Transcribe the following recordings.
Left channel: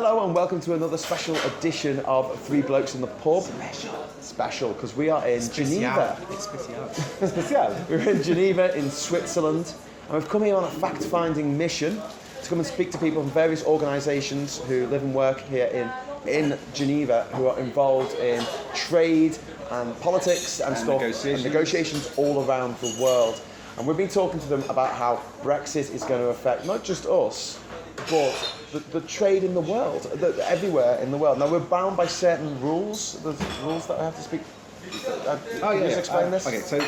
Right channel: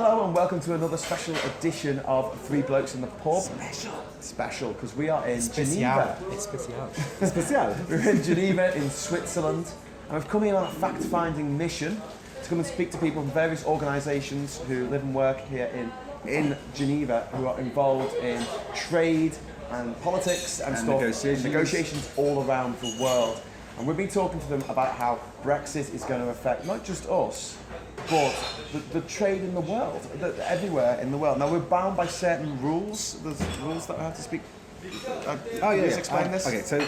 Hello and welcome to another special edition of Three Blokes in the Pub. Special, because we are in Geneva. Special. We're in Geneva in Switzerland, and we've come here on a fact-finding mission to come and speak to people from various organisations who live and work here in Geneva, who are involved in trade and politics and stuff, and negotiations all around the world. And we've been talking to them about how Brexit is going to affect not just us, but the trade in the world, everywhere in the world. Now we're bound by certain rules. There's rules that I have to speak. Explain this. Okay, so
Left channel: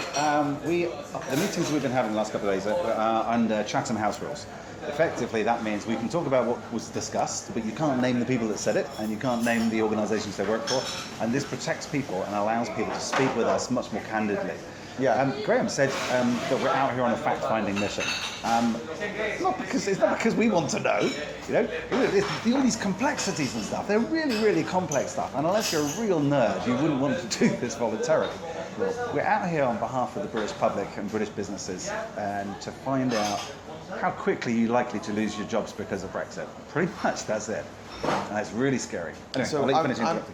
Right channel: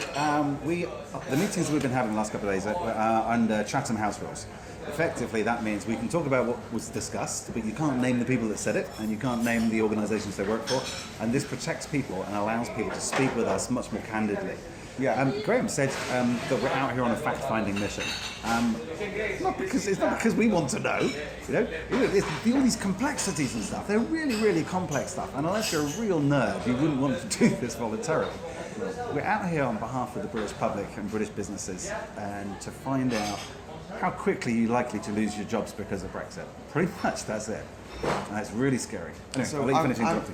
the meetings we've been having the last couple of days are under Chatham House rules. Effectively, that means we can talk about what was discussed, but you can't name the people that said it, and you can't name the organisations they work for. And this protects people and allows people to speak with us much more candidly. Yeah. Graham said that we're out here on a fact-finding mission. It's not because we want to know. All these complexities and stuff. They're really, really complex stuff. And unless you're a real nerd, you wouldn't want to do this voluntarily. We're out here on behalf of the British public and British businesses, and to find out how quickly you're likely to lose your jobs because of Brexit. Pretty much, that's it. And it's really scary. Anyway, So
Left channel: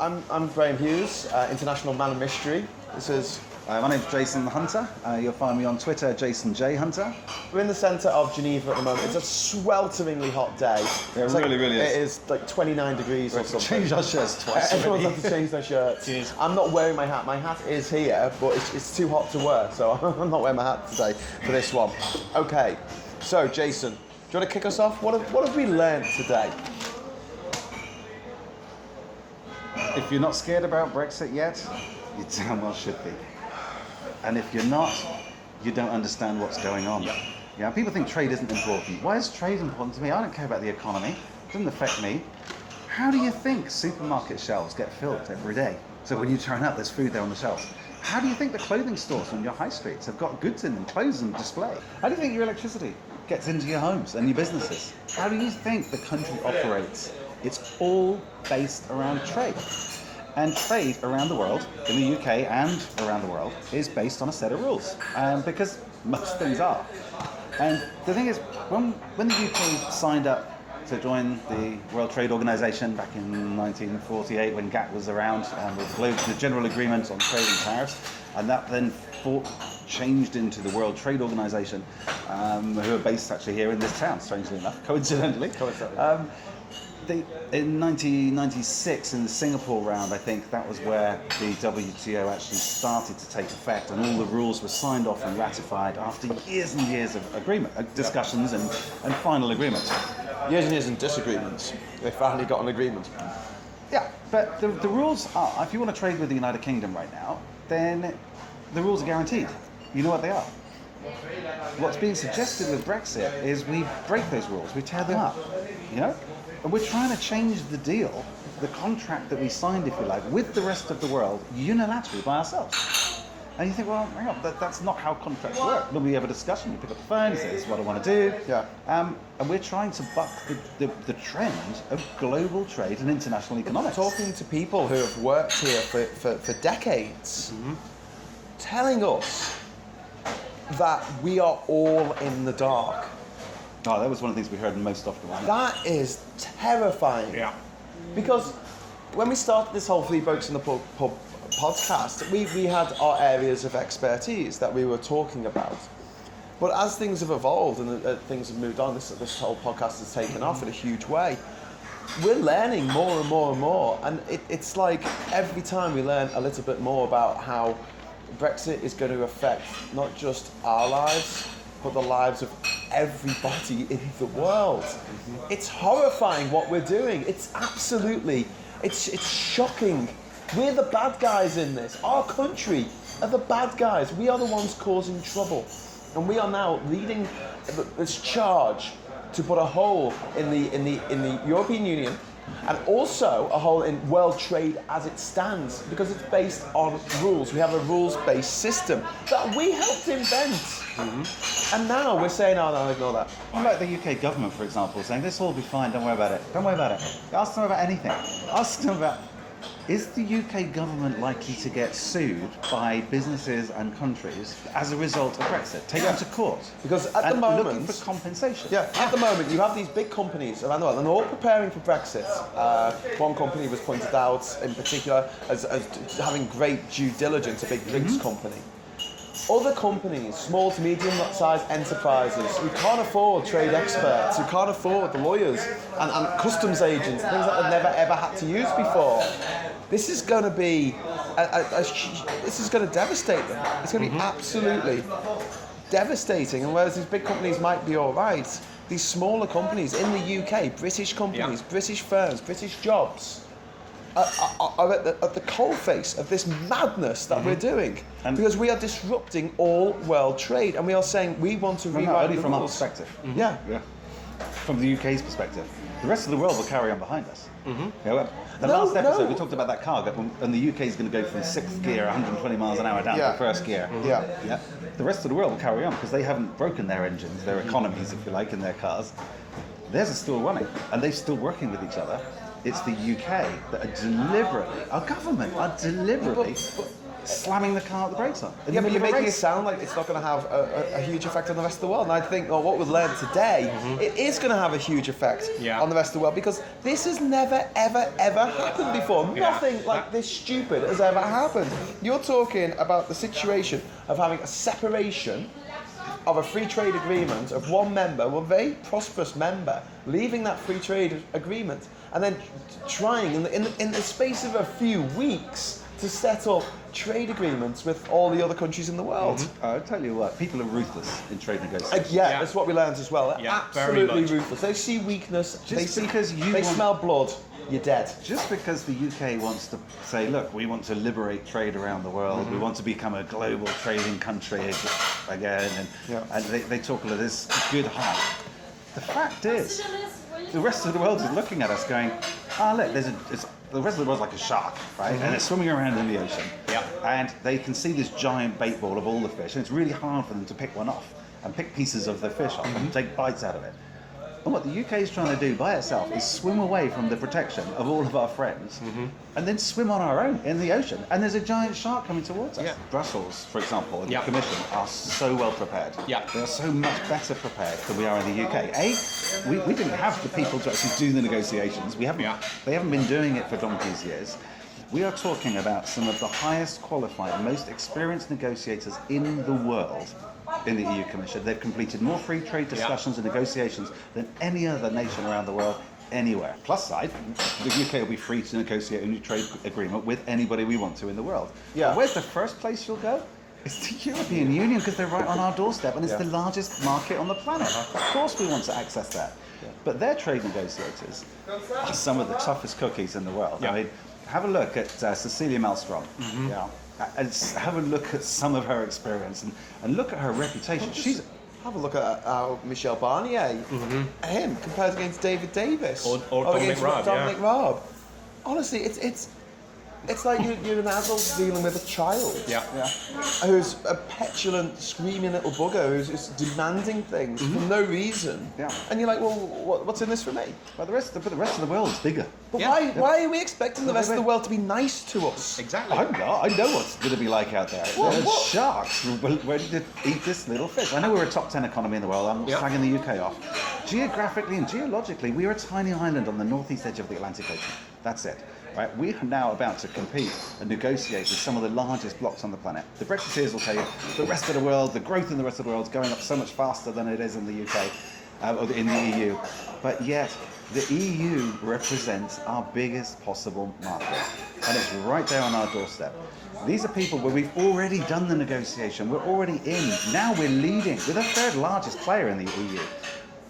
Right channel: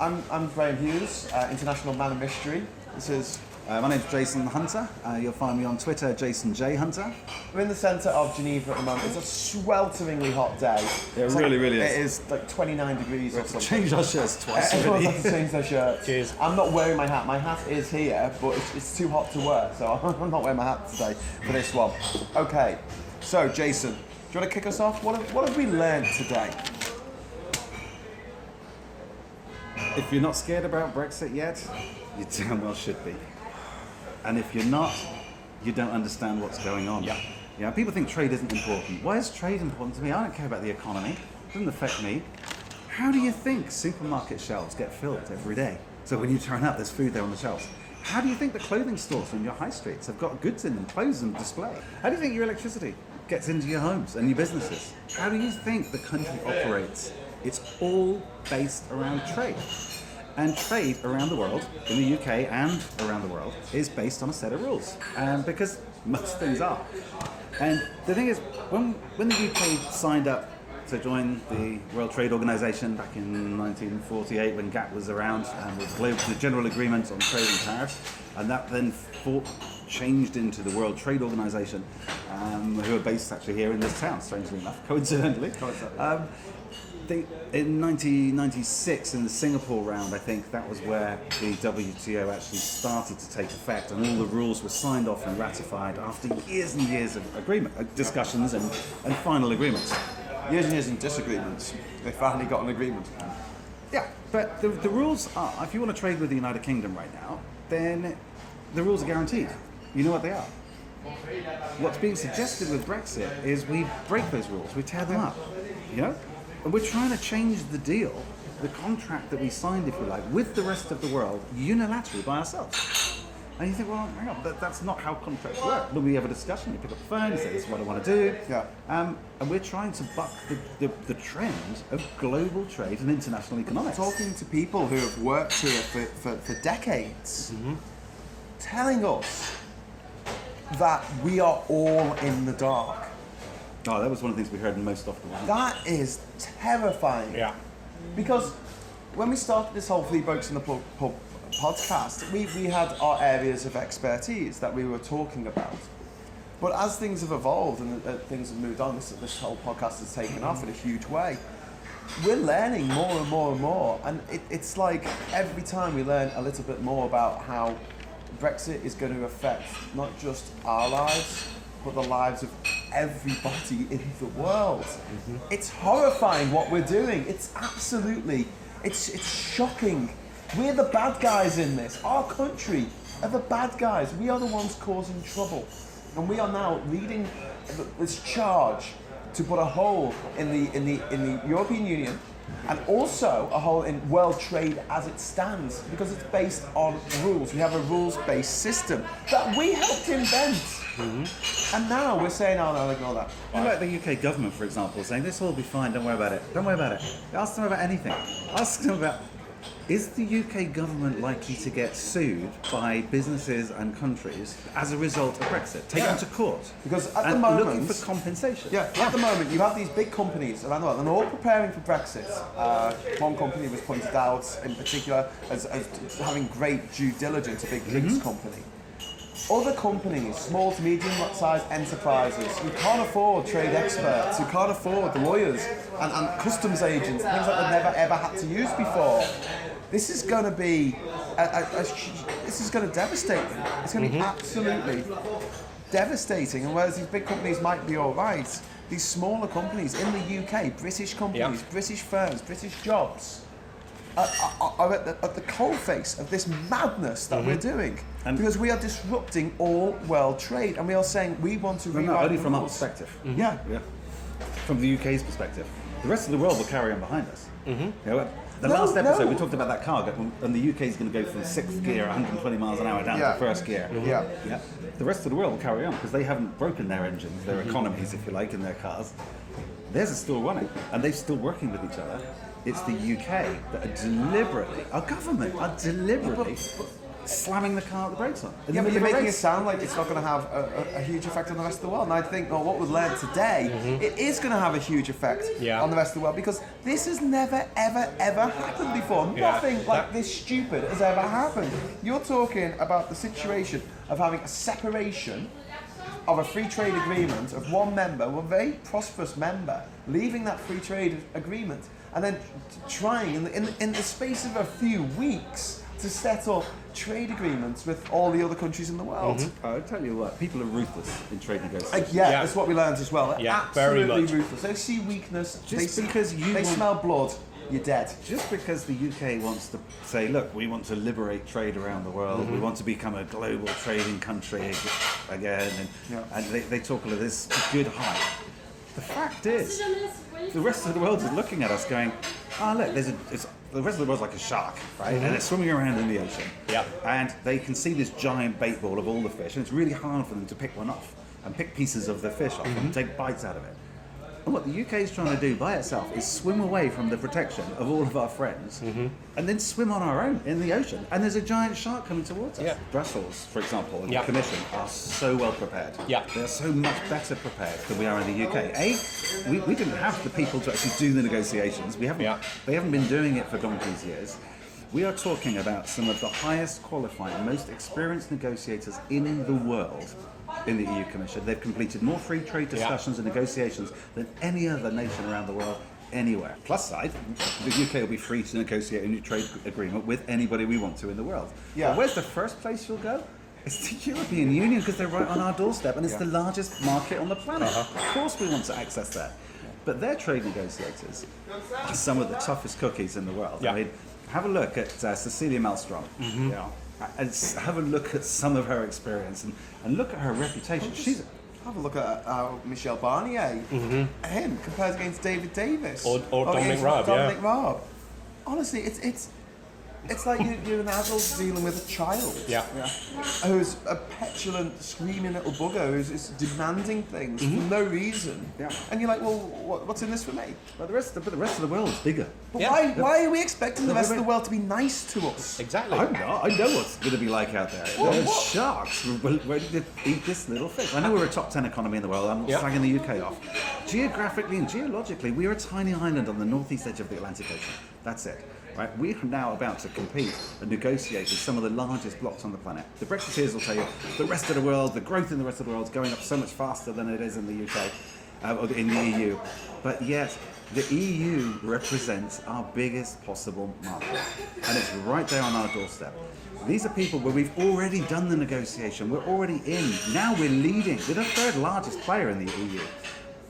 I'm Graham Hughes, international man of mystery. This is. My name's Jason Hunter. You'll find me on Twitter, Jason J. Hunter. We're in the centre of Geneva at the moment. It's a swelteringly hot day. It really is. It is like 29 degrees or something. Changed our shirts twice Everyone already. has to change their shirts. Cheers. I'm not wearing my hat. My hat is here, but it's too hot to wear, so I'm not wearing my hat today for this one. Okay, so Jason, do you want to kick us off? What have we learned today? If you're not scared about Brexit yet, you damn well should be. And if you're not, you don't understand what's going on. Yeah, people think trade isn't important. Why is trade important to me? I don't care about the economy. It doesn't affect me. How do you think supermarket shelves get filled every day? So when you turn up, there's food there on the shelves. How do you think the clothing stores on your high streets have got goods in them, clothes on display? How do you think your electricity gets into your homes and your businesses? How do you think the country operates? It's all based around trade. And trade around the world, in the UK and around the world, is based on a set of rules. Because most things are. And the thing is, when the UK signed up to join the World Trade Organization back in 1948, when GATT was around, with the General Agreement on Trade and Tariffs, and that then changed into the World Trade Organization, who are based actually here in this town, strangely enough, coincidentally. In 1996, in the Singapore round, I think that was where the WTO actually started to take effect, and all the rules were signed off and ratified after years and years of discussions and final agreements. Years and years of disagreements. They finally got an agreement. Yeah, but the rules are, if you want to trade with the United Kingdom right now, then the rules are guaranteed. You know what they are. What's being suggested with Brexit is we break those rules, we tear them up, And we're trying to change the deal, the contract that we signed, if you like, with the rest of the world, unilaterally by ourselves. And you think, well, hang on, that's not how contracts work. When we have a discussion, you pick up the phone, you say, this is what I want to do. Yeah. And we're trying to buck the trend of global trade and international economics. Talking to people who have worked here for decades, telling us that we are all in the dark. Oh, that was one of the things we heard most often. That is terrifying. Yeah. Because when we started this whole Three Blokes in the Pub podcast, we had our areas of expertise that we were talking about. But as things have evolved and things have moved on, this whole podcast has taken off in a huge way. We're learning more and more and more. And it's like every time we learn a little bit more about how Brexit is going to affect not just our lives, but the lives of everybody in the world. It's horrifying what we're doing. It's absolutely, it's shocking. We're the bad guys in this. Our country are the bad guys. We are the ones causing trouble. And we are now leading this charge to put a hole in the European Union, and also a hole in world trade as it stands, because it's based on rules. We have a rules-based system that we helped invent. And now we're saying, oh no, ignore that. What about the UK government, for example, saying this will all be fine, don't worry about it. Don't worry about it. Ask them about anything. Ask them about Is the UK government likely to get sued by businesses and countries as a result of Brexit? Take them to court. Because at the and moment, looking for compensation. Yeah, at the moment you have these big companies around the world and they're all preparing for Brexit. One company was pointed out in particular as having great due diligence, a big drinks company. Other companies, small to medium-sized enterprises who can't afford trade experts, who can't afford the lawyers and customs agents, things that they've never ever had to use before. This is going to be, this is going to devastate them. It's going to be absolutely devastating. And whereas these big companies might be all right, these smaller companies in the UK, British companies, British firms, British jobs, are at the coalface of this madness that we're doing. And because we are disrupting all world trade and we are saying we want to rewrite only the from our rules. perspective. Yeah. From the UK's perspective. The rest of the world will carry on behind us. The last episode we talked about that car and the UK is going to go from 6th gear, 120 miles an hour down to first gear. The rest of the world will carry on because they haven't broken their engines, their economies, if you like, in their cars. Theirs is still running and they're still working with each other. It's the UK that are deliberately, our government are deliberately slamming the car with the brakes on. Yeah, but you're making it sound like it's not going to have a huge effect on the rest of the world. And I think, well, what we've learned today, it is going to have a huge effect on the rest of the world because this has never, ever, ever happened before. Nothing like this stupid has ever happened. You're talking about the situation of having a separation of a free trade agreement of one member, one very prosperous member, leaving that free trade agreement and then trying in the space of a few weeks to set up trade agreements with all the other countries in the world. I'll tell you what, people are ruthless in trade negotiations. That's what we learned as well. Absolutely very much. ruthless. They see weakness, Just they smell blood, you're dead. Just because the UK wants to say, look, we want to liberate trade around the world, we want to become a global trading country again, and they talk about this good heart. The fact is, the rest of the world is looking at us going, look, the rest of the world's like a shark, right? And it's swimming around in the ocean. And they can see this giant bait ball of all the fish, and it's really hard for them to pick one off and pick pieces of the fish off and take bites out of it. And what the UK is trying to do by itself is swim away from the protection of all of our friends and then swim on our own in the ocean. And there's a giant shark coming towards us. Brussels, for example, and the Commission are so well prepared. They're so much better prepared than we are in the UK. We didn't have the people to actually do the negotiations. They haven't been doing it for donkey's years. We are talking about some of the highest qualified, most experienced negotiators in the world in the EU Commission. They've completed more free trade discussions and negotiations than any other nation around the world anywhere. Plus side, the UK will be free to negotiate a new trade agreement with anybody we want to in the world. But where's the first place you'll go? It's the European Union because they're right on our doorstep and it's the largest market on the planet. Of course we want to access that. But their trade negotiators are some of the toughest cookies in the world. I mean, have a look at Cecilia Malmström. And have a look at some of her experience and look at her reputation. Have a look at Michel Barnier, him compared against David Davis or Dominic Raab. Honestly, it's like you're an adult dealing with a child. Who's a petulant, screaming little bugger who's just demanding things for no reason. And you're like, well, what's in this for me? Well, the rest of the world's bigger. But why are we expecting the rest of the world to be nice to us? Exactly. I'm not. I know what's going to be like out there. There's sharks ready to eat this little fish. I know we're a top 10 economy in the world. I'm not slagging the UK off. Geographically and geologically, we are a tiny island on the northeast edge of the Atlantic Ocean. That's it. Right, we are now about to compete and negotiate with some of the largest blocs on the planet. The Brexiteers will tell you the rest of the world, the growth in the rest of the world is going up so much faster than it is in the UK or in the EU. But yet, the EU represents our biggest possible market. And it's right there on our doorstep. These are people where we've already done the negotiation. We're already in. Now we're leading. We're the third largest player in the EU.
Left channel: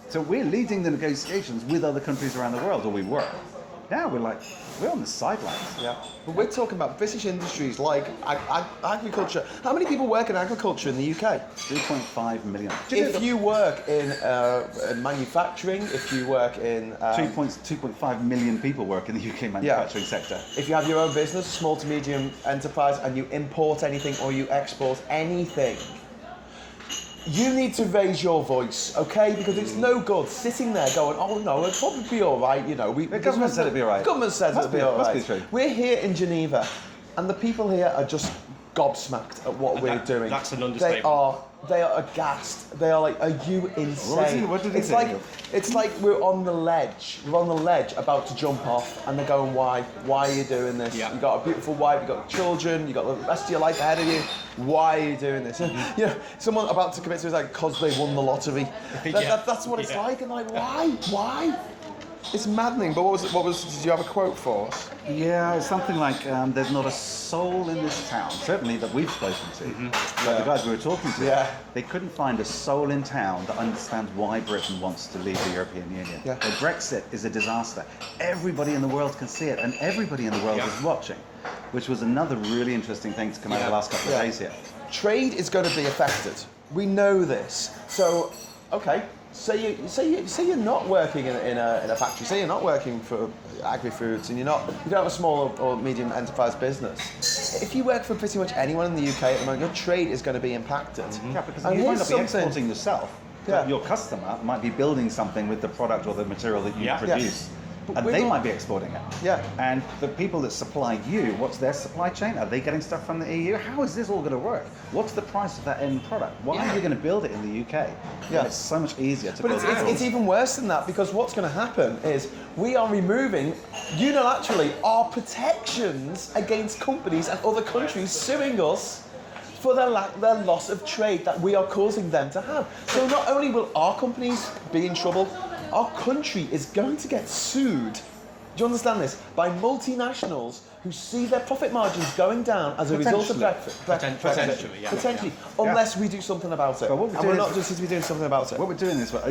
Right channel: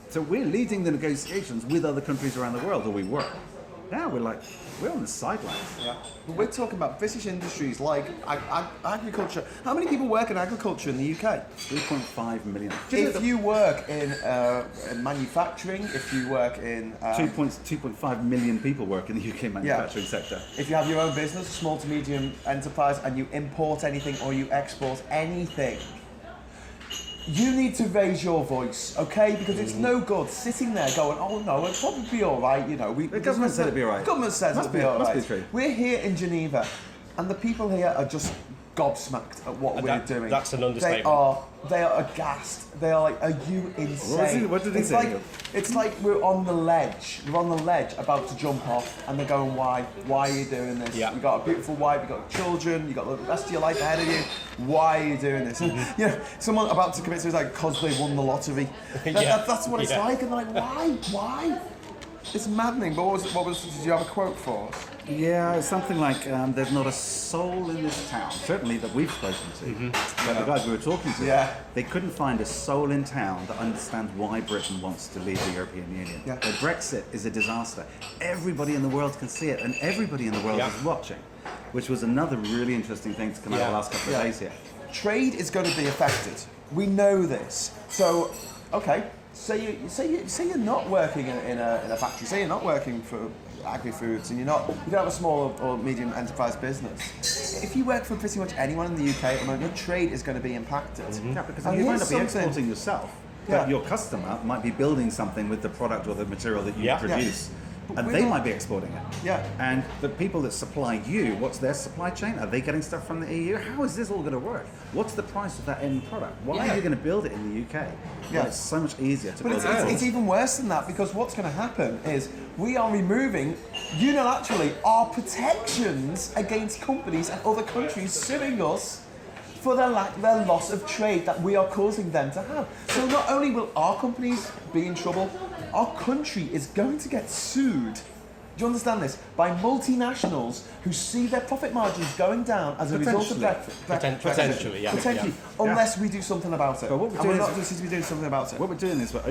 So we're leading the negotiations with other countries around the world, or we were. Now we're on the sidelines. But we're talking about British industries like agriculture. How many people work in agriculture in the UK? 3.5 million. If you work in manufacturing, if you work in... 2.5 million people work in the UK manufacturing sector. If you have your own business, small to medium enterprise, and you import anything or you export anything, you need to raise your voice, okay? Because it's no good sitting there going, oh no, it'll probably be all right, you know. The government said it'd be all right. Government says Must it'll be- be all must be right. true. We're here in Geneva, and the people here are just gobsmacked at what we're doing. That's an understatement. They are aghast. They are like, are you insane? What did he say? It's like we're on the ledge. We're on the ledge about to jump off, and they're going, why? Why are you doing this? Yeah. You got a beautiful wife, you got children, you got the rest of your life ahead of you. Why are you doing this? And, you know, someone about to commit suicide because they won the lottery. That's what it's like, and they're like, why? Why? It's maddening. But did you have a quote for us? Yeah, it's something like, there's not a soul in this town, certainly that we've spoken to. The guys we were talking to, they couldn't find a soul in town that understands why Britain wants to leave the European Union. Yeah. But Brexit is a disaster. Everybody in the world can see it, and everybody in the world is watching, which was another really interesting thing to come out of the last couple of days here. Trade is going to be affected. We know this. So, okay. Say you're not working in a factory. Say you're not working for agri-foods, and you don't have a small or medium enterprise business. If you work for pretty much anyone in the UK at the moment, your trade is going to be impacted. Yeah, because And you might here's not be something- exporting yourself, Yeah. but your customer might be building something with the product or the material that you produce. But And we they don't- might be exporting it. Yeah. And the people that supply you, what's their supply chain? Are they getting stuff from the EU? How is this all going to work? What's the price of that end product? Why are you going to build it in the UK? Yeah. When it's so much easier to But build it's even worse than that, because what's going to happen is we are removing unilaterally our protections against companies and other countries suing us for their loss of trade that we are causing them to have. So not only will our companies be in trouble, our country is going to get sued. Do you understand this? By multinationals who see their profit margins going down as a result of Brexit. Potentially, yeah. Potentially, unless we do something about it. But what we're And doing we're not is- just to be doing something about it. What we're doing is we're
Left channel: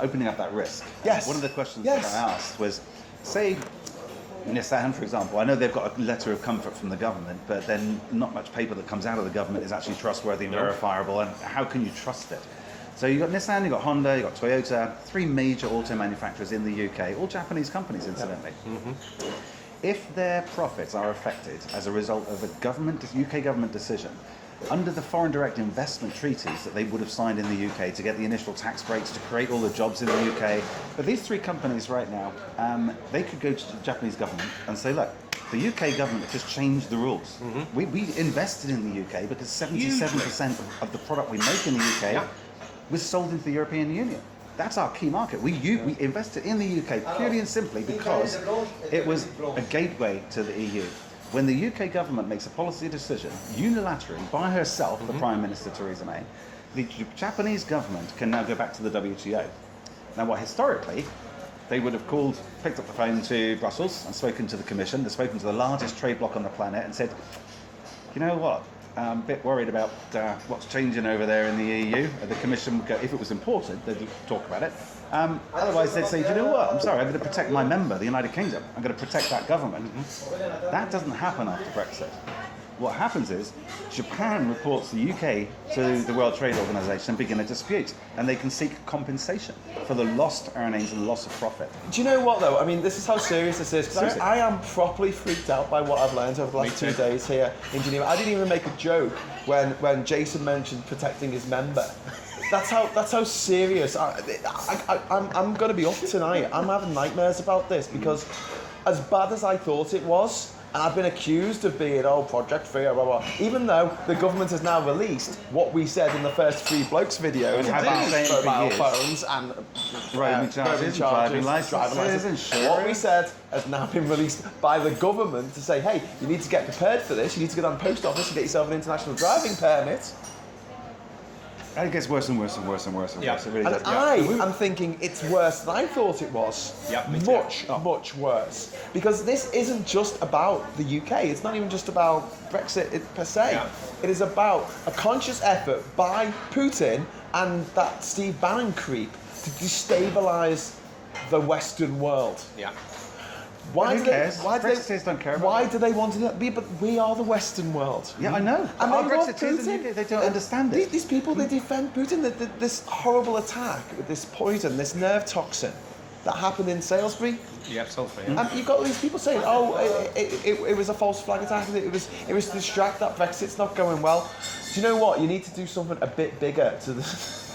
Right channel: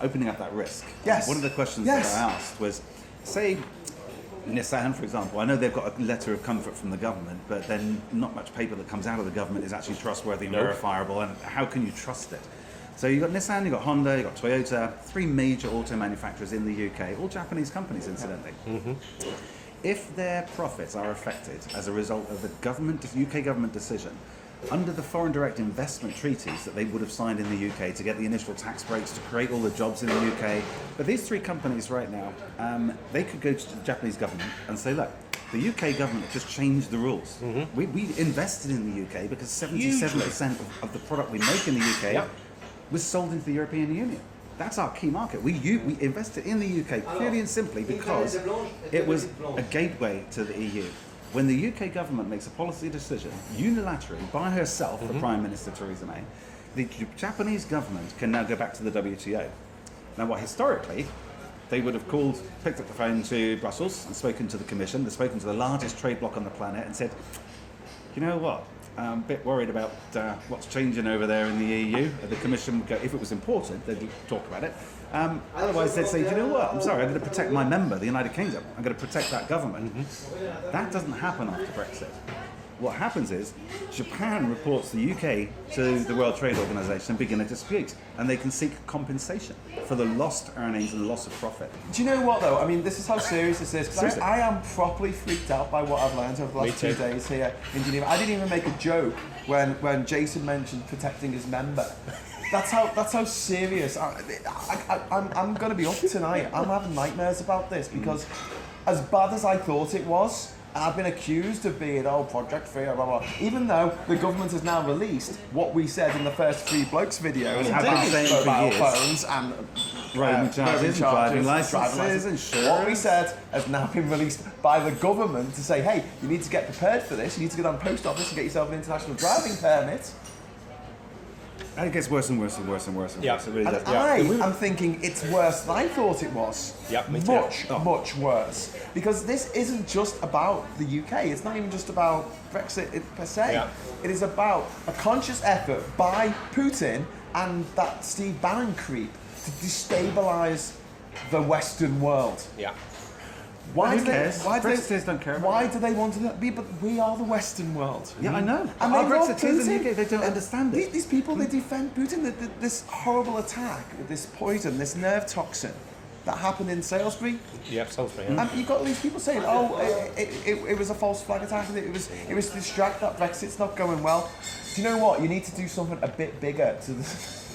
opening up that risk. Yes. One of the questions Yes. that I asked was, say, Nissan, for example, I know they've got a letter of comfort from the government, but then not much paper that comes out of the government is actually trustworthy, verifiable, and how can you trust it? So you've got Nissan, you've got Honda, you've got Toyota, three major auto manufacturers in the UK, all Japanese companies, incidentally. If their profits are affected as a result of a UK government decision, under the foreign direct investment treaties that they would have signed in the UK to get the initial tax breaks, to create all the jobs in the UK, but these three companies right now, they could go to the Japanese government and say, look, the UK government just changed the rules. We invested in the UK because 77% of the product we make in the UK was sold into the European Union. That's our key market. We invested in the UK purely and simply because it was a gateway to the EU. When the UK government makes a policy decision unilaterally by herself, the Prime Minister Theresa May, the Japanese government can now go back to the WTO. Now, what historically they would have picked up the phone to Brussels and spoken to the Commission, they've spoken to the largest trade bloc on the planet and said, you know what? I'm a bit worried about what's changing over there in the EU. The Commission, if it was important, they'd talk about it. Otherwise, they'd say, you know what, I'm sorry, I'm going to protect my member, the United Kingdom. I'm going to protect that government. That doesn't happen after Brexit. What happens is Japan reports the UK to the World Trade Organization and begin a dispute, and they can seek compensation for the lost earnings and the loss of profit. Do you know what though? I mean, this is how serious this is. Because Seriously? I am properly freaked out by what I've learned over the last 2 days here in Geneva. I didn't even make a joke when Jason mentioned protecting his member. That's how serious. I'm going to be up tonight. I'm having nightmares about this because, as bad as I thought it was, and I've been accused of being, Project Fear, blah, blah. Even though the government has now released what we said in the first 3 Blokes videos, have been saying for mobile years. phones and Roaming charges, driving licenses, insurance. What we said has now been released by the government to say, hey, you need to get prepared for this. You need to go down to the post office and get yourself an international driving permit. And it gets worse and worse and worse and worse and worse. It really And does. I am thinking it's worse than I thought it was. Yeah, me too. Much worse. Because this isn't just about the UK. It's not even just about Brexit per se. Yeah. It is about a conscious effort by Putin and that Steve Bannon creep to destabilise the Western world. Yeah. Why Who do they? cares? Why do they? Brexiteers don't care about Why that. do they want to be? But we are the Western world. Yeah, I know. And Our they love Brexiteers in the Putin. UK, they don't understand it. These people, they defend Putin. This horrible attack, this poison, this nerve toxin. that happened in Salisbury. Yeah, Salisbury. Yeah. And you've got these people saying, "Oh, it was a false flag attack, and it was to distract that Brexit's not going well." Do you know what? You need to do something a bit bigger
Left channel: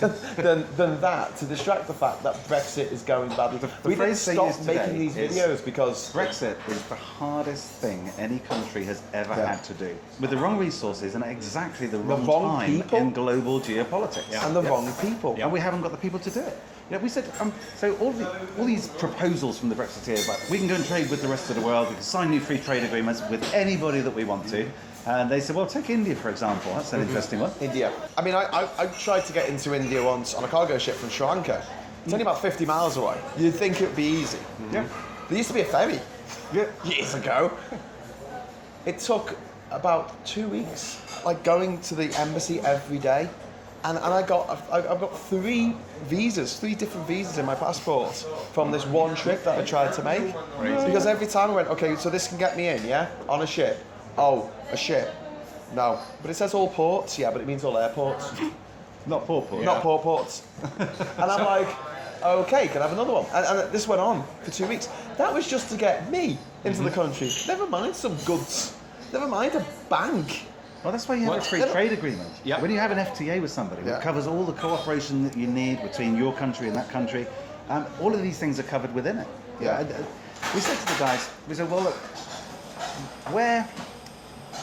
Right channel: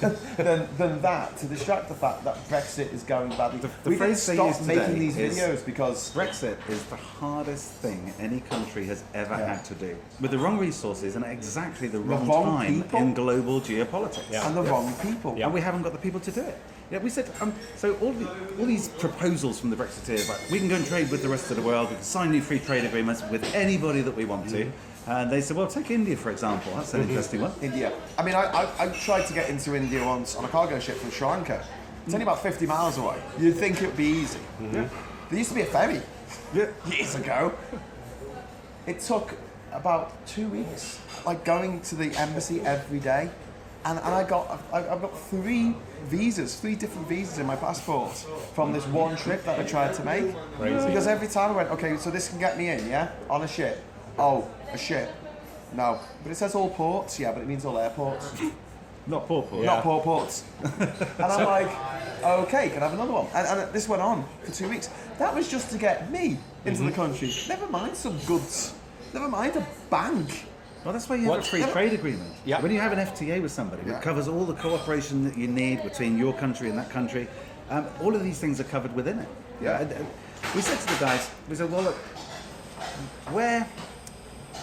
than that to distract the fact that Brexit is going badly. We need to stop making these videos because Brexit is the hardest thing any country has ever had to do, with the wrong resources and at exactly the wrong time people. in global geopolitics. and the wrong people. And we haven't got the people to do it. You know, we said, so all these proposals from the Brexiteers, like we can go and trade with the rest of the world, we can sign new free trade agreements with anybody that we want to. And they said, well, take India, for example. That's an interesting one. India. I mean, I tried to get into India once on a cargo ship from Sri Lanka. It's only about 50 miles away. You'd think it would be easy. Yeah. There used to be a ferry years ago. It took about 2 weeks, like going to the embassy every day. And I've got 3 visas, 3 different visas in my passport from this one trip that I tried to make. Crazy. Because every time I went, okay, so this can get me in, yeah, on a ship. Oh, a ship. No. But it says all ports, yeah, but it means all airports. Not poor ports. Not poor ports. And I'm like, okay, can I have another one? And this went on for 2 weeks. That was just to get me into the country. Never mind some goods. Never mind a bank. Well, that's why you have a free trade agreement. Yeah. When you have an FTA with somebody, Yeah. it covers all the cooperation that you need between your country and that country. All of these things are covered within it. Yeah. And, we said to the guys, we said, well, look,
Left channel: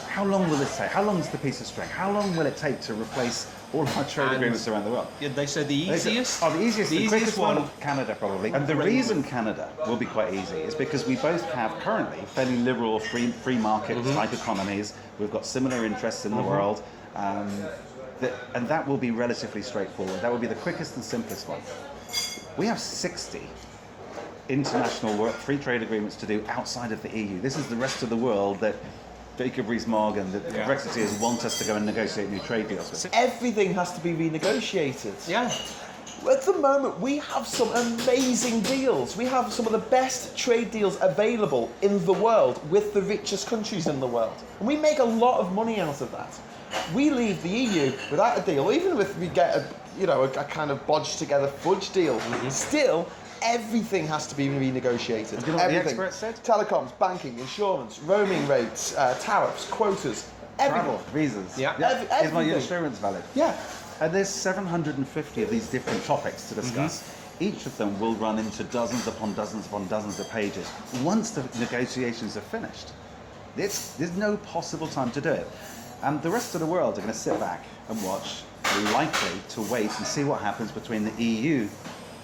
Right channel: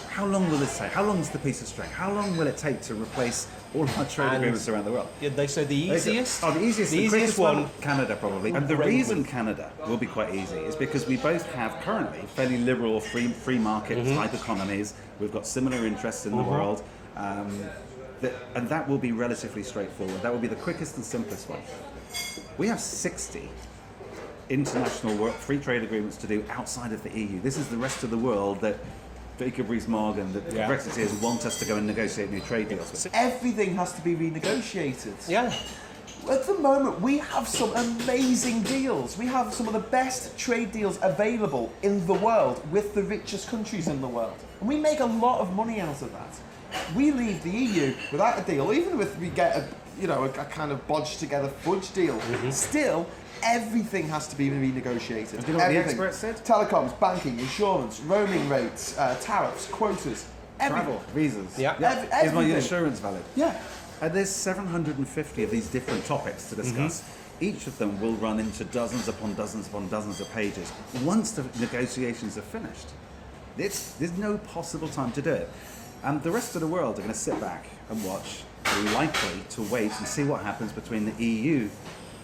how long will this take? How long is the piece of string? How long will it take to replace all our trade agreements around the world? Yeah, they said the easiest. The easiest quickest one, Canada probably. And the reason Canada will be quite easy is because we both have currently fairly liberal free market type economies. We've got similar interests in the world, and that will be relatively straightforward. That will be the quickest and simplest one. We have 60 international free trade agreements to do outside of the EU. This is the rest of the world that Jacob Rees-Mogg and the Brexiteers want us to go and negotiate new trade deals with. Everything has to be renegotiated. Yeah. At the moment, we have some amazing deals. We have some of the best trade deals available in the world with the richest countries in the world. And we make a lot of money out of that. We leave the EU without a deal, even if we get a kind of bodged together fudge deal. Still, everything has to be renegotiated. You know what the experts said? Telecoms, banking, insurance, roaming rates, tariffs, quotas, everything. Travel, visas. Yeah. Is my Everything. insurance valid? Yeah. And there's 750 of these different topics to discuss. Each of them will run into dozens upon dozens upon dozens of pages once the negotiations are finished. There's no possible time to do it. And the rest of the world are going to sit back and watch. They're likely to wait and see what happens between the EU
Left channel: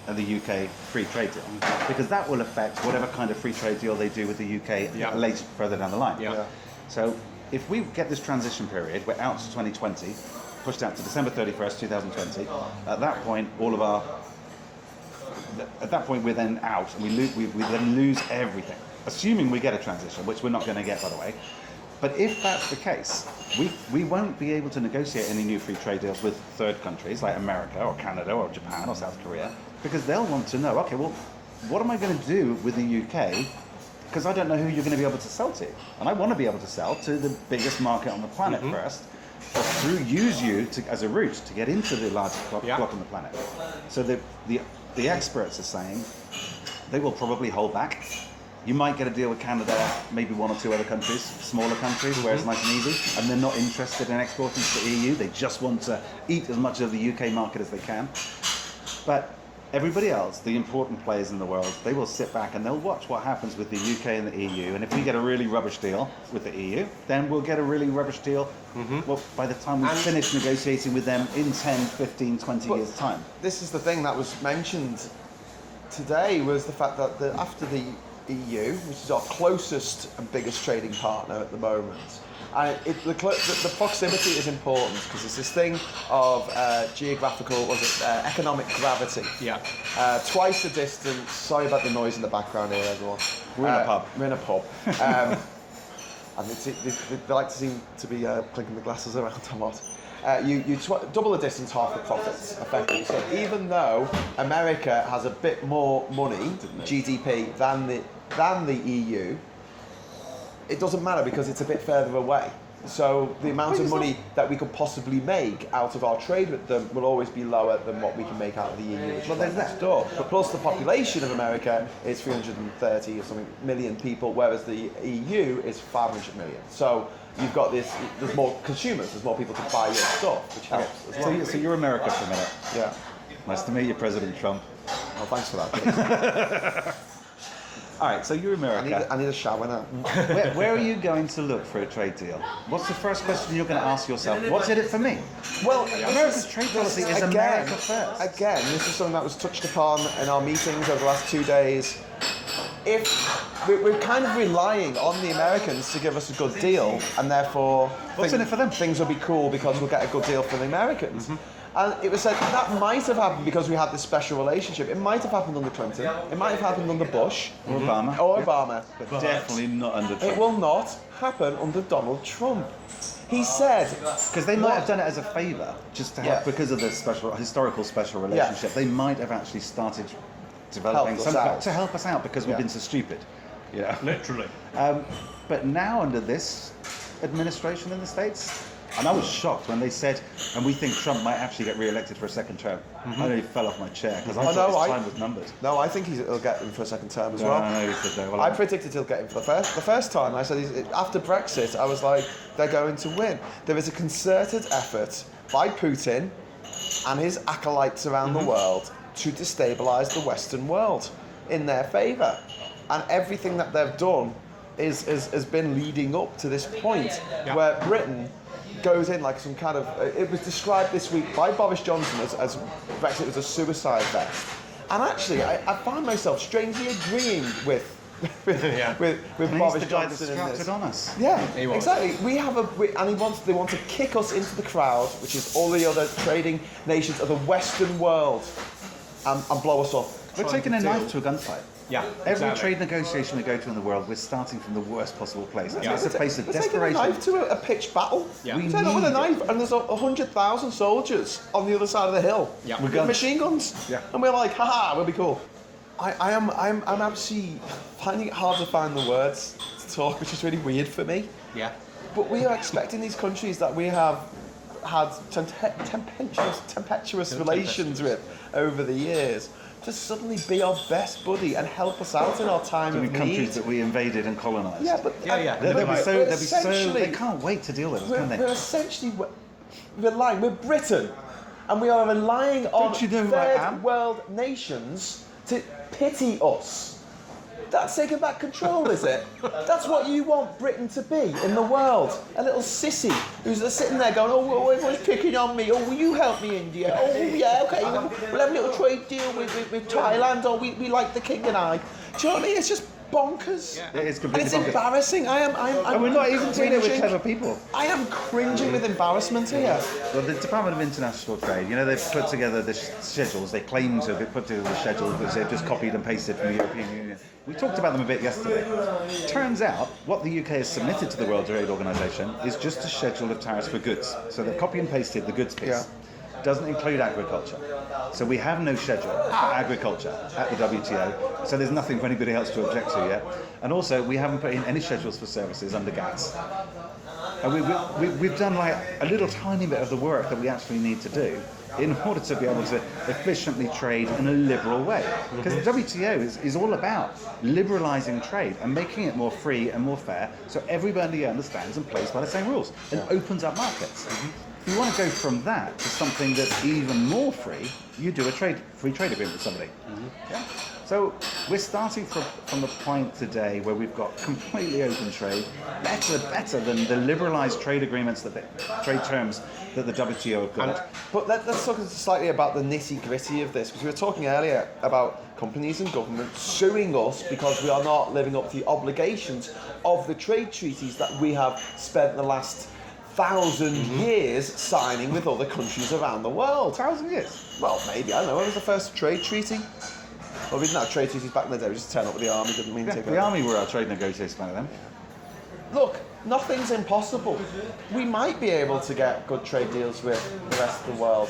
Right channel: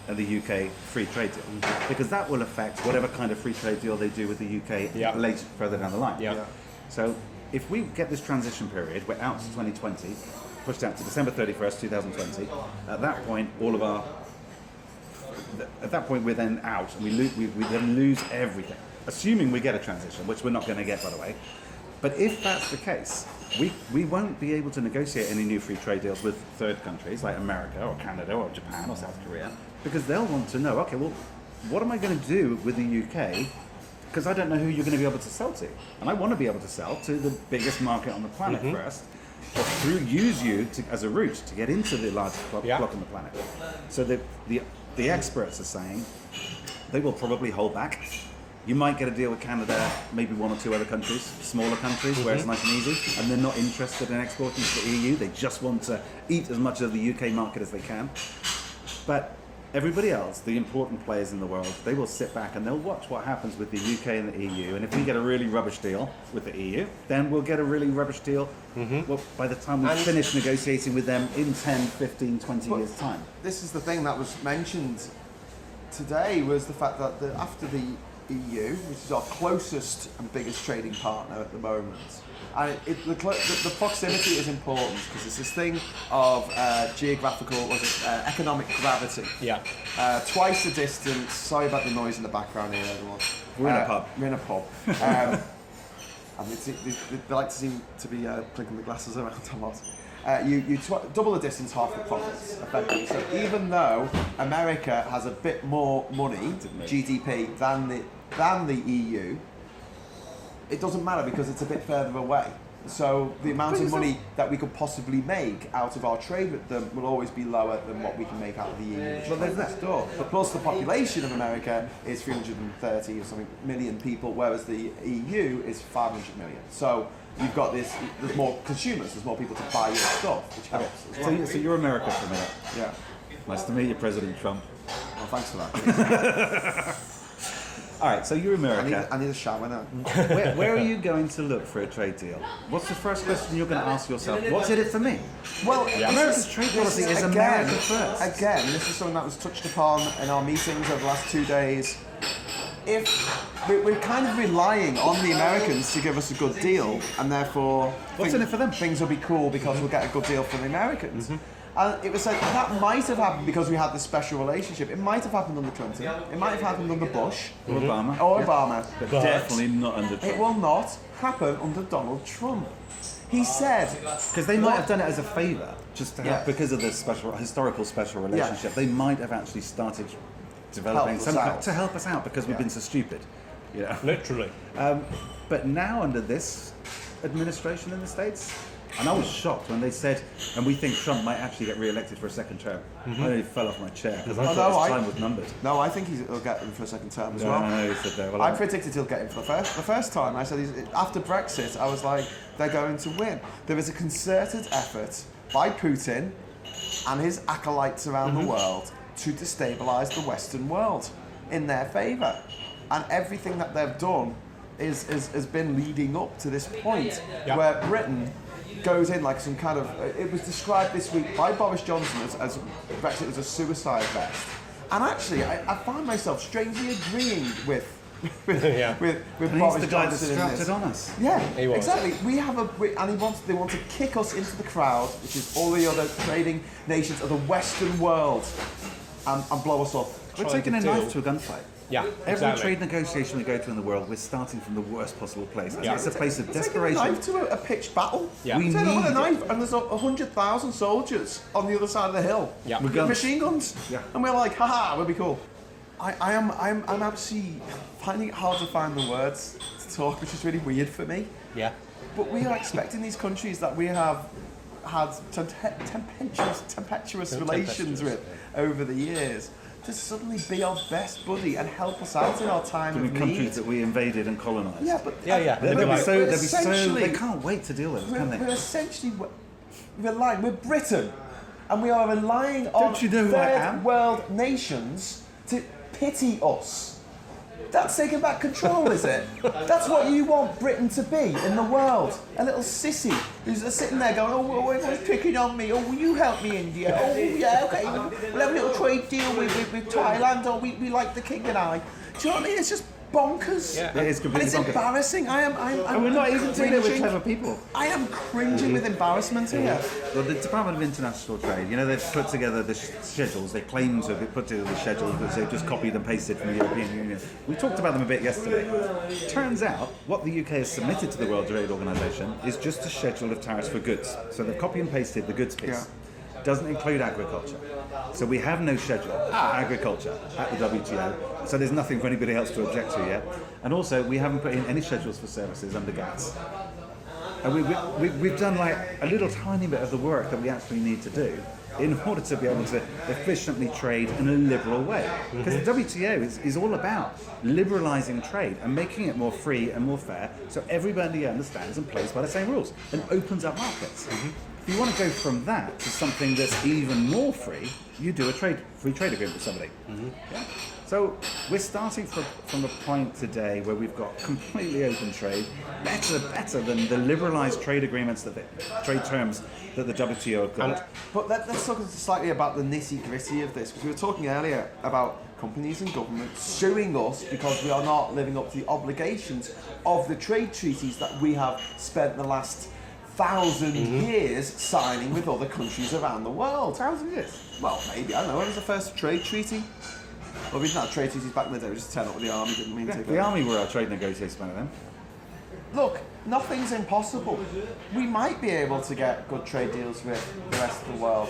and the UK free trade deal, because that will affect whatever kind of free trade deal they do with the UK later, further down the line. Yeah. So if we get this transition period, we're out to 2020, pushed out to December 31st, 2020. At that point, we're then out, and we then lose everything. Assuming we get a transition, which we're not going to get, by the way. But if that's the case, we won't be able to negotiate any new free trade deals with third countries like America or Canada or Japan or South Korea, because they'll want to know, okay, well, what am I going to do with the UK? Because I don't know who you're going to be able to sell to. And I want to be able to sell to the biggest market on the planet first, but use you as a route to get into the largest block on the planet. So the experts are saying they will probably hold back. You might get a deal with Canada, maybe 1 or 2 other countries, smaller countries, where it's nice and easy, and they're not interested in exporting to the EU. They just want to eat as much of the UK market as they can. But everybody else, the important players in the world, they will sit back and they'll watch what happens with the UK and the EU. And if we get a really rubbish deal with the EU, then we'll get a really rubbish deal by the time we finish negotiating with them in 10, 15, 20 years' time. This is the thing that was mentioned today, was the fact that after the EU, which is our closest and biggest trading partner at the moment, and the proximity is important because it's this thing of economic gravity. Yeah. Twice the distance. Sorry about the noise in the background here, everyone. We're in a pub. We're in a pub. And they like to seem to be clinking the glasses around a lot. You double the distance, half the profits, effectively. So even though America has a bit more money, GDP, than the EU, it doesn't matter because it's a bit further away. So the amount of money that we could possibly make out of our trade with them will always be lower than what we can make out of the EU, which is right next door. Plus the population of America is 330 or something million people, whereas the EU is 500 million. So you've got this, there's more consumers, there's more people to buy your stuff, which helps as well. So you're America for a minute. Yeah. Nice to meet you, President Trump. Well, thanks for that. All right, so you're America. I need a shower now. Where are you going to look for a trade deal? What's the first question you're going to ask yourself? What's in it for me? Well, America's trade policy is America first. Again, this is something that was touched upon in our meetings over the last 2 days. If we're kind of relying on the Americans to give us a good deal, and therefore What's in it for them? things will be cool because we'll get a good deal from the Americans. And it was said that might have happened because we had this special relationship. It might have happened under Clinton. It might have happened under Bush Obama. or Obama. But definitely not under Trump. It will not happen under Donald Trump. He said, Because they might have done it as a favour, just to help, Yeah. because of this historical special relationship. They might have actually started developing Help us something out. to help us out because we've been so stupid. Yeah. Literally. But now under this administration in the States, and I was shocked when they said, and we think Trump might actually get re-elected for a second term. I nearly fell off my chair because I Oh, thought no, his time was numbered. no, I think he'll get him for a second term as well. No, he said no. Well, I predicted he'll get him for the first time. I said after Brexit, I was like, they're going to win. There is a concerted effort by Putin and his acolytes around the world to destabilise the Western world in their favour, and everything that they've done has been leading up to this point where Britain goes in like some kind of. It was described this week by Boris Johnson as Brexit was a suicide vest, and actually I found myself strangely agreeing with with And he's Boris the guy that Johnson in strapped this. it on us. Yeah, He was. exactly. We have and they want to kick us into the crowd, which is all the other trading nations of the Western world, and blow us up. We're taking a knife to a gunfight. Yeah, Every exactly. trade negotiation we go to in the world, we're starting from the worst possible place. Yeah. It's a place of It's like a desperation. knife to a pitched battle. Yeah. We It's like with a need knife, and there's 100,000 soldiers on the other side of the hill Yeah. with guns. machine guns. Yeah. And we're like, haha, we'll be cool. I'm actually finding it hard to find the words to talk, which is really weird for me. Yeah. But we are expecting these countries that we have had tempestuous relations with over the years to suddenly be our best buddy and help us out in our time I mean, of countries need. that we invaded and colonised. Yeah, but Yeah. They'd They'd be be so, we're they'd be so, essentially- they can't wait to deal with us, can we're they? essentially relying. We're Britain, and we are relying on Don't you know who I am? third world nations to pity us. That's taking back control, is it? That's what you want Britain to be in the world. A little sissy who's sitting there going, oh, everyone's picking on me. Oh, will you help me, India? Oh, yeah, okay. We'll have a little trade deal with Thailand. Oh, we like the king and I. Do you know what I mean? It's just bonkers. Yeah. It is And completely it's bonkers. embarrassing. I'm And we're not even doing it with cringing. clever people. I am cringing with embarrassment here. Well, the Department of International Trade, you know, they've put together the schedules. They claim to have put together the schedules because they've just copied and pasted from the European Union. We talked about them a bit yesterday. Turns out, what the UK has submitted to the World Trade Organization is just a schedule of tariffs for goods. So they've copy and pasted the goods piece. Yeah. Doesn't include agriculture. So we have no schedule for agriculture at the WTO. So there's nothing for anybody else to object to yet. And also, we haven't put in any schedules for services under GATS. And we've done like a little tiny bit of the work that we actually need to do in order to be able to efficiently trade in a liberal way. Because the WTO is all about liberalising trade and making it more free and more fair so everybody understands and plays by the same rules. It opens up markets. If you want to go from that to something that's even more free, you do a free trade agreement with somebody. Yeah? So we're starting from a point today where we've got completely open trade, better than the liberalised trade agreements, trade terms that the WTO have got. But let's talk slightly about the nitty-gritty of this, because we were talking earlier about companies and government suing us because we are not living up to the obligations of the trade treaties that we have spent the last 1,000 years signing with other countries around the world. 1,000 years. Well, maybe, I don't know, when was the first trade treaty? Well, we didn't have trade treaties back in the day, we just turned up with the army, didn't we? Yeah, Take the over. army were our trade negotiators back then. Look, nothing's impossible. We might be able to get good trade deals with the rest of the world.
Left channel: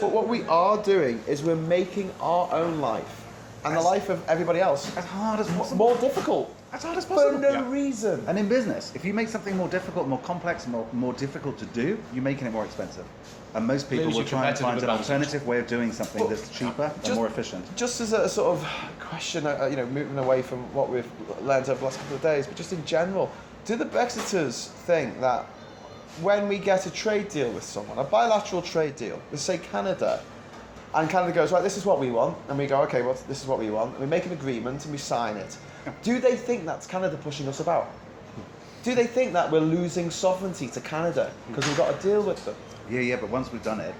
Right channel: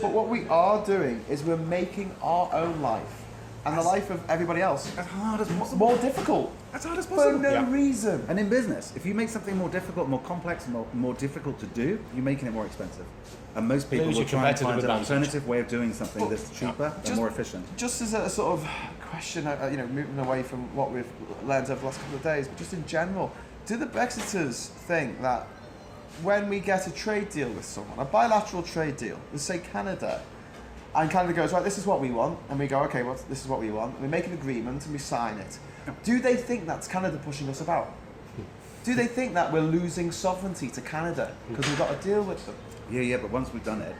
But what we are doing is we're making our own life and the life of everybody else As hard as possible. more difficult. as hard as For possible. no reason. And in business, if you make something more difficult, more complex, more difficult to do, you're making it more expensive. And most people Lose will your try and find competitive an advantage. alternative way of doing something that's cheaper and just- more efficient. Just as a sort of question, moving away from what we've learned over the last couple of days, but just in general, do the Brexiters think that when we get a trade deal with someone, a bilateral trade deal, let's say Canada, and Canada goes, right, this is what we want, and we go, okay, well, this is what we want, we make an agreement and we sign it. Do they think that's Canada pushing us about? Do they think that we're losing sovereignty to Canada because we've got a deal with them? Yeah, but once we've done it,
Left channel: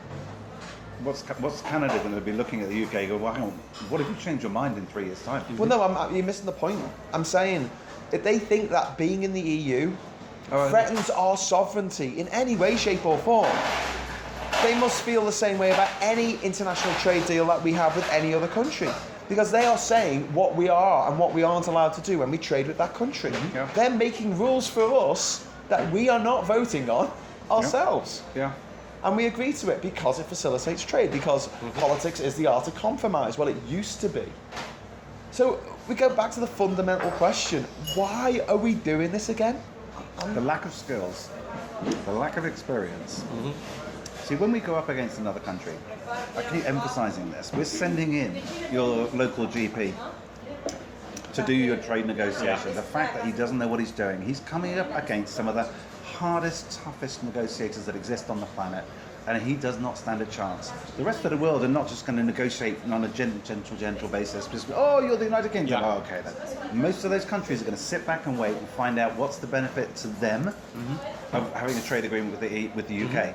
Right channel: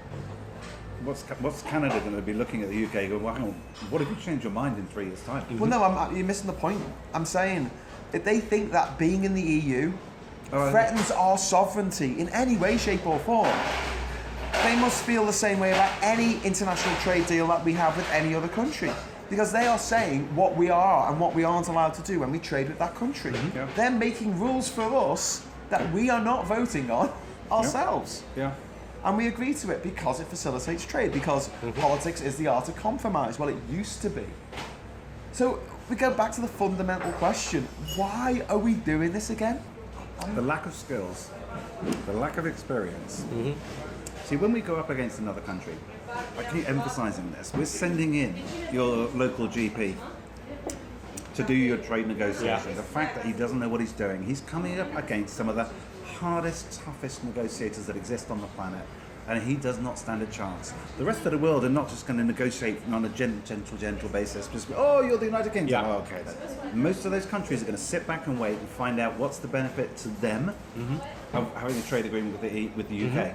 what's Canada going to be looking at the UK and go, well, hang on, what if you change your mind in 3 years' time? Well, no, you're missing the point. I'm saying if they think that being in the EU threatens our sovereignty in any way, shape or form, they must feel the same way about any international trade deal that we have with any other country. Because they are saying what we are and what we aren't allowed to do when we trade with that country. Yeah. They're making rules for us that we are not voting on ourselves. Yeah. And we agree to it because it facilitates trade, because politics is the art of compromise. Well, it used to be. So we go back to the fundamental question, why are we doing this again? The lack of skills, the lack of experience. See, when we go up against another country, I keep emphasizing this, we're sending in your local GP to do your trade negotiation. Yeah. The fact that he doesn't know what he's doing, he's coming up against some of the hardest, toughest negotiators that exist on the planet, and he does not stand a chance. The rest of the world are not just going to negotiate on a gentle basis, just, oh, you're the United Kingdom. Yeah. Oh, okay then. Most of those countries are going to sit back and wait and find out what's the benefit to them of having a trade agreement with the UK.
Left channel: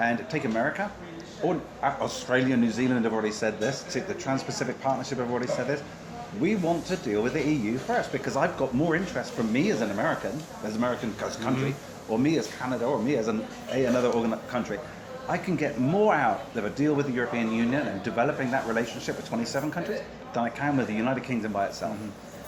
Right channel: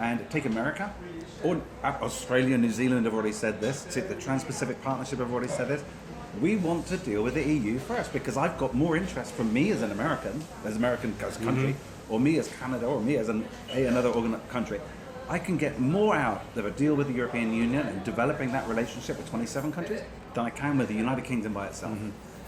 And take America, or Australia, New Zealand have already said this, the Trans-Pacific Partnership have already said this. We want to deal with the EU first because I've got more interest from me as an American as a country, or me as Canada, or me as another country. I can get more out of a deal with the European Union and developing that relationship with 27 countries than I can with the United Kingdom by itself.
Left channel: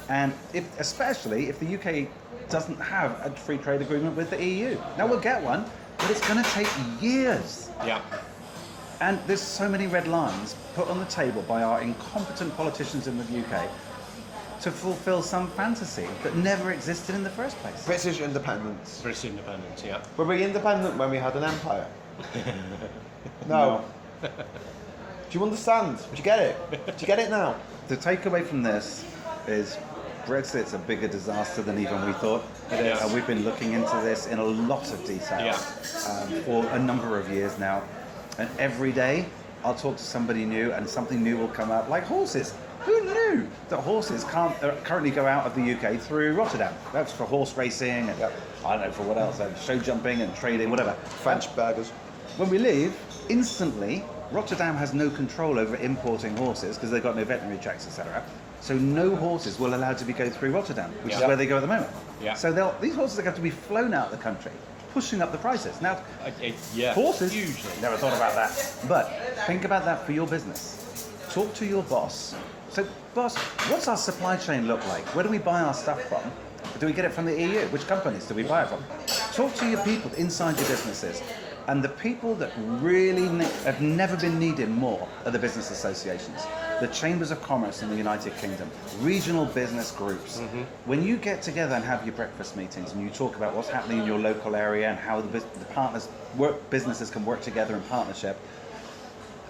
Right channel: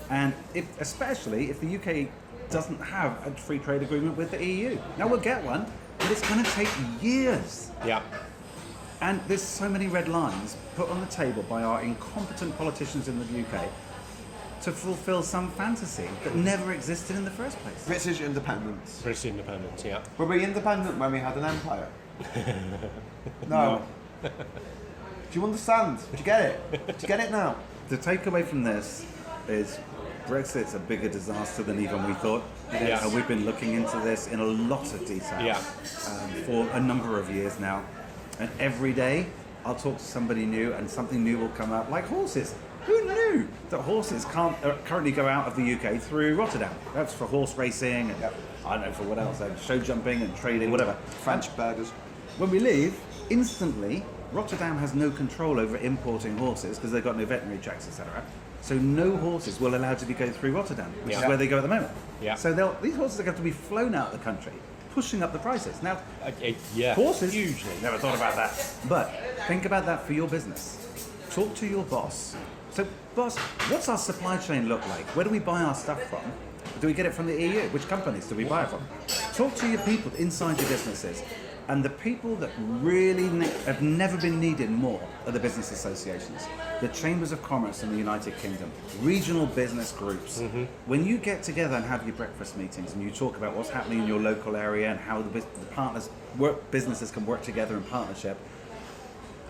And especially if the UK doesn't have a free trade agreement with the EU. Now we'll get one, but it's going to take years. Yeah. And there's so many red lines put on the table by our incompetent politicians in the UK to fulfill some fantasy that never existed in the first place. British independence. British independence, yeah. Were we independent when we had an empire? No. Do you understand? Do you get it? Do you get it now? The takeaway from this is Brexit's a bigger disaster than even we thought. It is. And we've been looking into this in a lot of detail Yeah. for a number of years now. And every day I'll talk to somebody new and something new will come out, like horses. Who knew that horses can't currently go out of the UK through Rotterdam? That's for horse racing and I don't know for what else, show jumping and trading, whatever. French burgers. When we leave, instantly, Rotterdam has no control over importing horses because they've got no veterinary checks, etc. So no horses will allowed to go through Rotterdam, which is Yeah. where they go at the moment. Yeah. So these horses are going to be flown out of the country, pushing up the prices. Now, Yeah. horses, Hugely. never thought about that. But think about that for your business. Talk to your boss. So, boss, what's our supply chain look like? Where do we buy our stuff from? Do we get it from the EU? Which companies do we buy it from? Talk to your people inside your businesses. And the people that really have never been needed more are the business associations, the chambers of commerce in the United Kingdom, regional business groups. When you get together and have your breakfast meetings and you talk about what's happening in your local area and how the businesses can work together in partnership,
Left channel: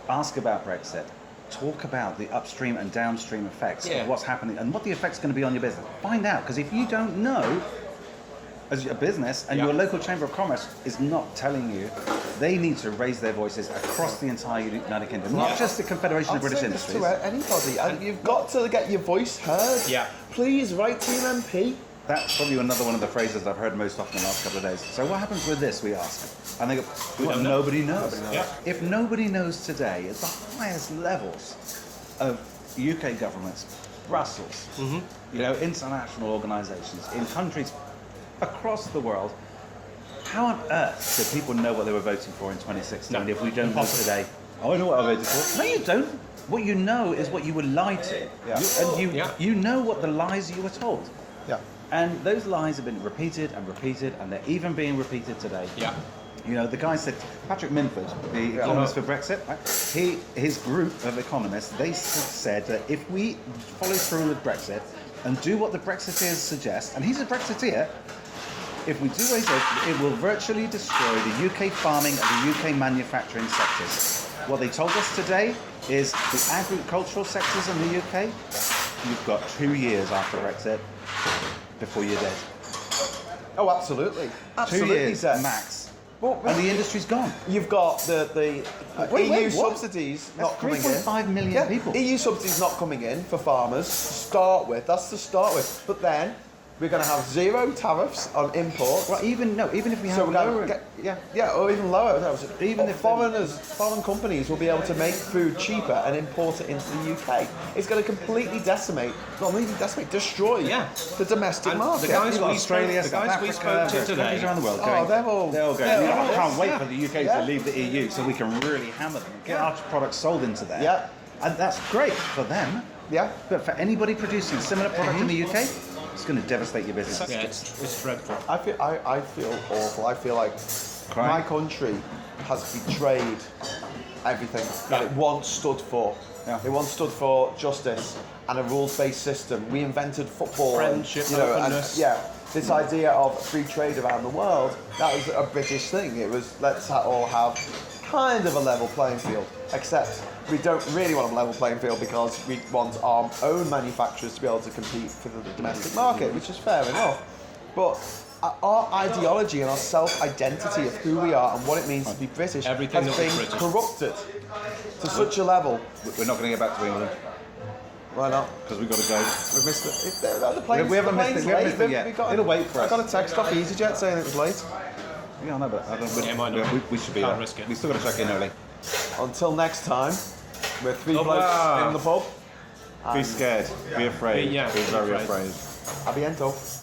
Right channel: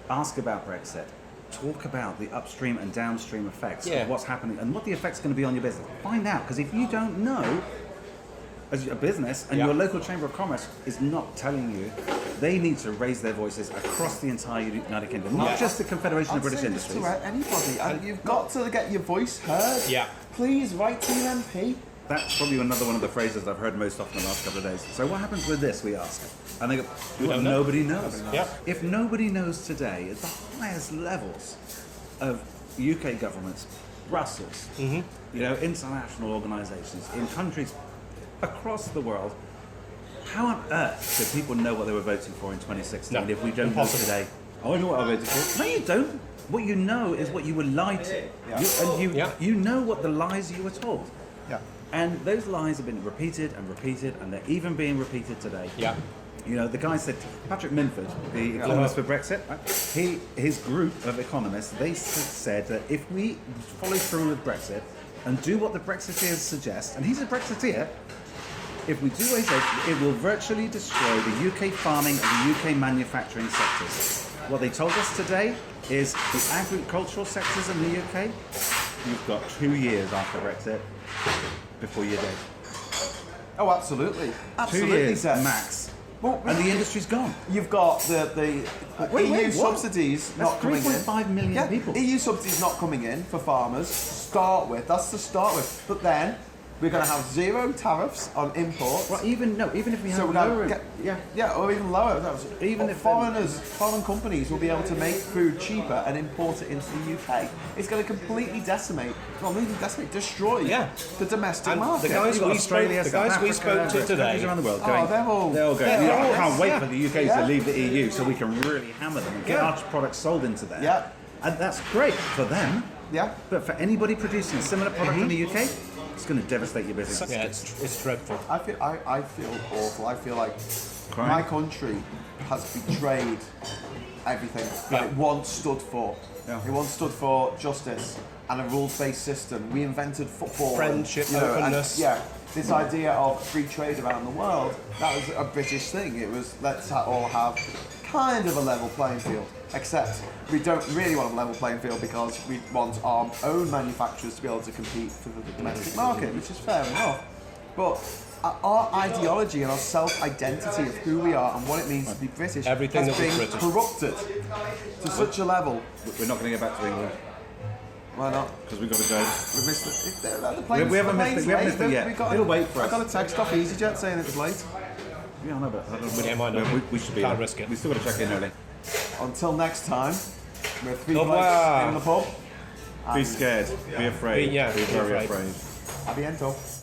ask about Brexit. Talk about the upstream and downstream effects of what's happening and what the effect's going to be on your business. Find out, because if you don't know, as a business and your local chamber of commerce is not telling you, they need to raise their voices across the entire United Kingdom, not just the Confederation of British Industries. To anybody, and you've got to get your voice heard. Yeah. Please write to an MP. That's probably another one of the phrases I've heard most often the last couple of days. So what happens with this, we ask? And they go, well, nobody knows. Yeah. If nobody knows today at the highest levels of UK governments, Brussels, international organisations, in countries across the world, how on earth do people know what they were voting for in 2016 No. if we don't know today? Oh, I know what I voted for. No, you don't. What you know is what you were lied to. Yeah. You know what the lies you were told. Yeah. And those lies have been repeated and repeated, and they're even being repeated today. Yeah. You know, the guy said, Patrick Minford, the economist for Brexit, his group of economists, they said that if we follow through with Brexit, and do what the Brexiteers suggest, and he's a Brexiteer, if we do away with it will virtually destroy the UK farming and the UK manufacturing sectors. What they told us today is the agricultural sectors in the UK, you've got 2 years after Brexit before you're dead. Oh, absolutely. 2 Absolutely, years Seth. max. Well, And the industry's gone. You've got the EU subsidies That's not coming in. 3.5 million people. EU subsidies not coming in for farmers to start with. That's to start with. But then we're going to have 0 tariffs on imports. Well, even if we have So we're lower, going to get, or even lower. Even Even if foreign companies will be able to make food cheaper and import it into the UK. It's going to completely decimate, well, not even decimate, destroy the domestic And market. the guys You've got we Australia, spoke, the South guys we Africa, spoke to today. countries around the world Oh, going, they're all I can't wait for the UK Yeah. to leave the EU so we can really hammer them and get Yeah. our products sold into there. Yeah. And that's great for them. Yeah. But for anybody producing a similar product in the UK, it's going to devastate your business. Yeah, it's dreadful. I feel awful. I feel like Crying. my country has betrayed everything that it once stood for. Yeah. It once stood for justice and a rules-based system. We invented football, Friendship, and, and openness. this idea of free trade around the world. That was a British thing. It was let's all have kind of a level playing field. Except we don't really want a level playing field because we want our own manufacturers to be able to compete for the domestic market, which is fair enough. But our ideology and our self-identity of who we are and what it means to be British Everything has that was been British. corrupted to such a level. We're not going to get back to England Why not? because we've got to go. We missed it. The plane's, We haven't the missed plane's it. We haven't late. missed it yet. We got It'll wait for I us. got a text off EasyJet saying it was late. Yeah, I know, but I don't It might not be. we should be. Can't risk it. We still got to check in early. Until next time, we're 3 Au blokes revoir. in the pub. Be scared. Be afraid. Yeah, be be very afraid. afraid. A bientôt.